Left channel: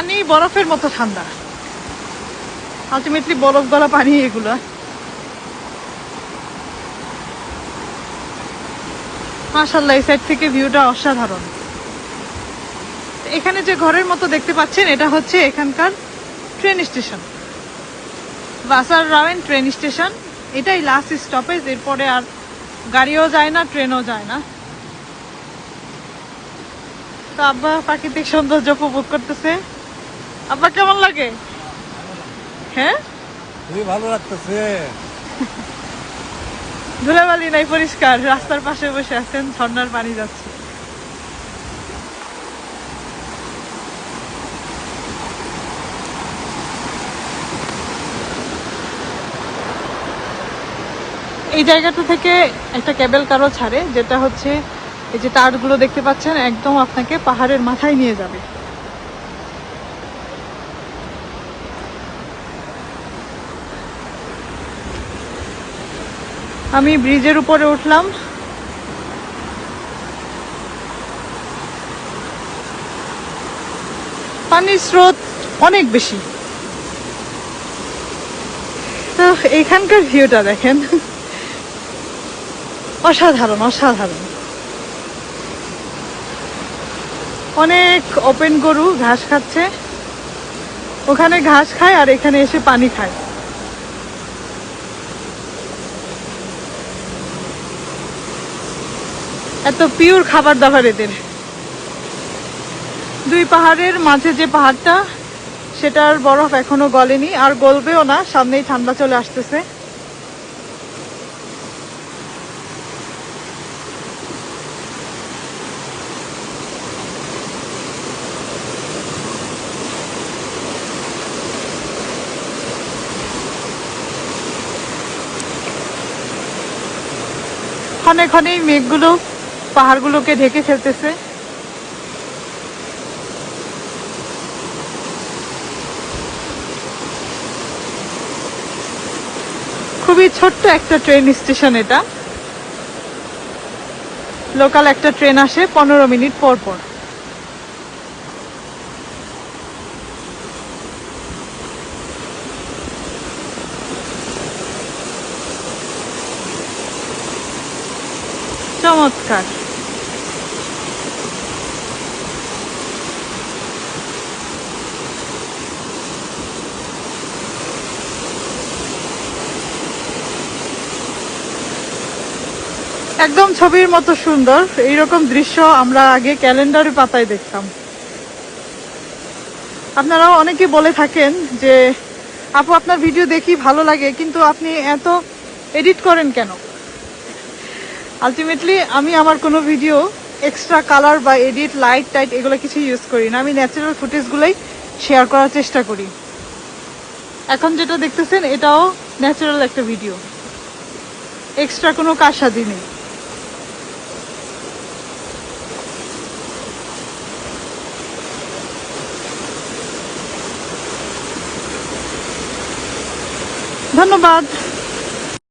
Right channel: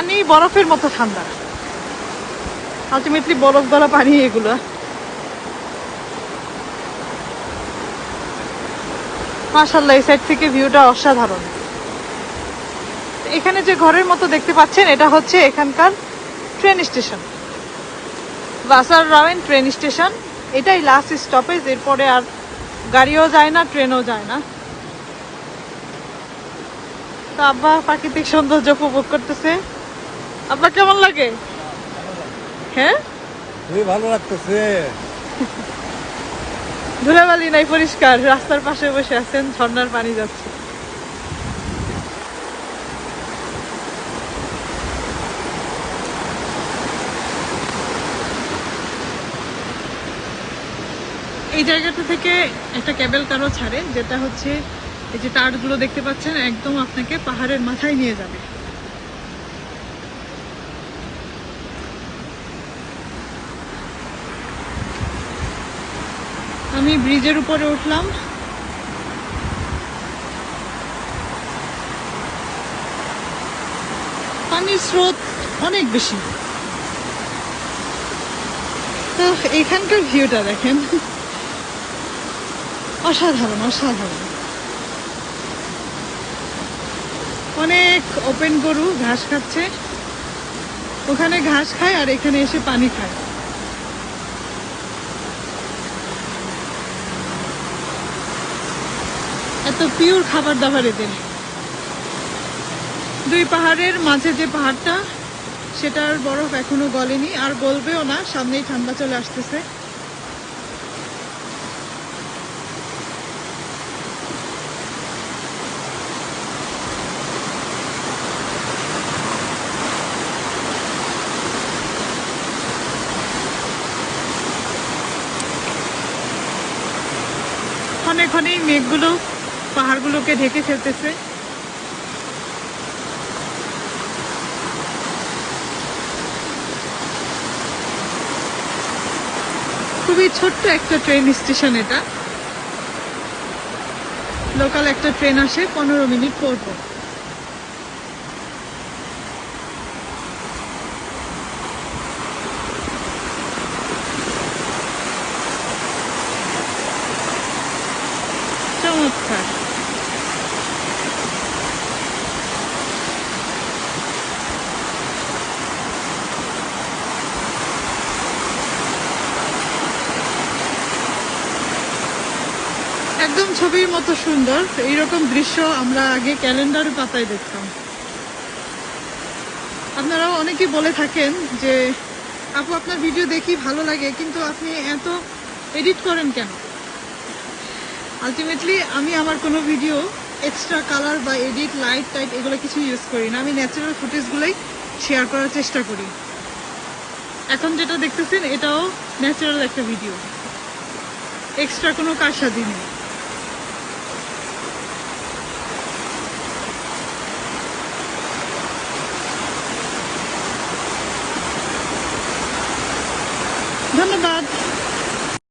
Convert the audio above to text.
পানি বরফের মতো ঠান্ডা, আলটিমেটলি বরফ গলা পানি এগুলো। মাশাআল্লাহ, এই সাইড থেকে ভিউটা অসাধারণ। এখানে যে ঘরের মতো দেখতে পাচ্ছেন এটা হচ্ছে এখানকার ট্রেন স্টেশন, বাসার রাওয়েন ট্রেন স্টেশন। এটাই লাস্ট স্টপেজ, এরপরে আর গাড়িও যায় না, ট্রেনও যায় না। আব্বা প্রাকৃতিক সৌন্দর্য উপভোগ করতেছে। আব্বা কেমন লাগে? হ্যাঁ, ভালো লাগতেছে। ধুলাবালি নাই, পরিষ্কার। রাস্তার পাশে বসে আছেন, ঝর্ণার পানি যাচ্ছে। এই জায়গাটা থেকে একটা কেবল কারও ছাড়ে, যেটা হচ্ছে এই যে তারগুলো দেখতে পাচ্ছেন, একদম আপনাকে পাহাড়ের মাথায় নিয়ে যাবে। আমি ব্রিজের উপরে উঠলাম। পানির স্রোত অনেক বেশি। তো এখানকার ভিউটা দেখেন, অসাধারণ অসাধারণ। অনেক ওপেন গরু ঘাস খাচ্ছে, ওখানে ঘাস খায় আর এখানে এসে পানি খায়। এত পিওর খাবার দাবার এদের। দুই পাহাড়ের মাঝে যে পাহাড়টা, সেটার বরফ এখনো গলেনি, আর গলবেও না, সামনেই ঠান্ডা চলে আসতেছে। ক্ষণে ক্ষণেই মেঘগুলো পাহাড়গুলোকে ঢেকে ফেলতেছে। খুবই ছোট্ট একটা ট্রেন স্টেশন এটা। লোকাল একটা ট্রেন আসে 15 মিনিট পর পর। চমৎকার। একদম ছবির মতো সুন্দর। এইরকম দৃশ্য আমরা আগে ক্যালেন্ডারের পাতায় দেখতাম। আপনারাও অনেকে বলে থাকেন যে আপু আপনার ভিডিও দেখি ভালো লাগে, কিন্তু আপনি এত এডিট করেন কেন? আলটিমেটলি আমি আমার কোনো ভিডিও এক্সট্রা কালার বা এডিট, লাইট টাইট এগুলো কিছু ইউজ করি না। আমি ন্যাচারাল ফুটেজগুলোই শেয়ার করার চেষ্টা করি। এখন যেটা দেখতেছেন এটাও ন্যাচারাল একটা ভিডিও, এক্সট্রা কোনো কারসাজি নেই। ধন্যবাদ।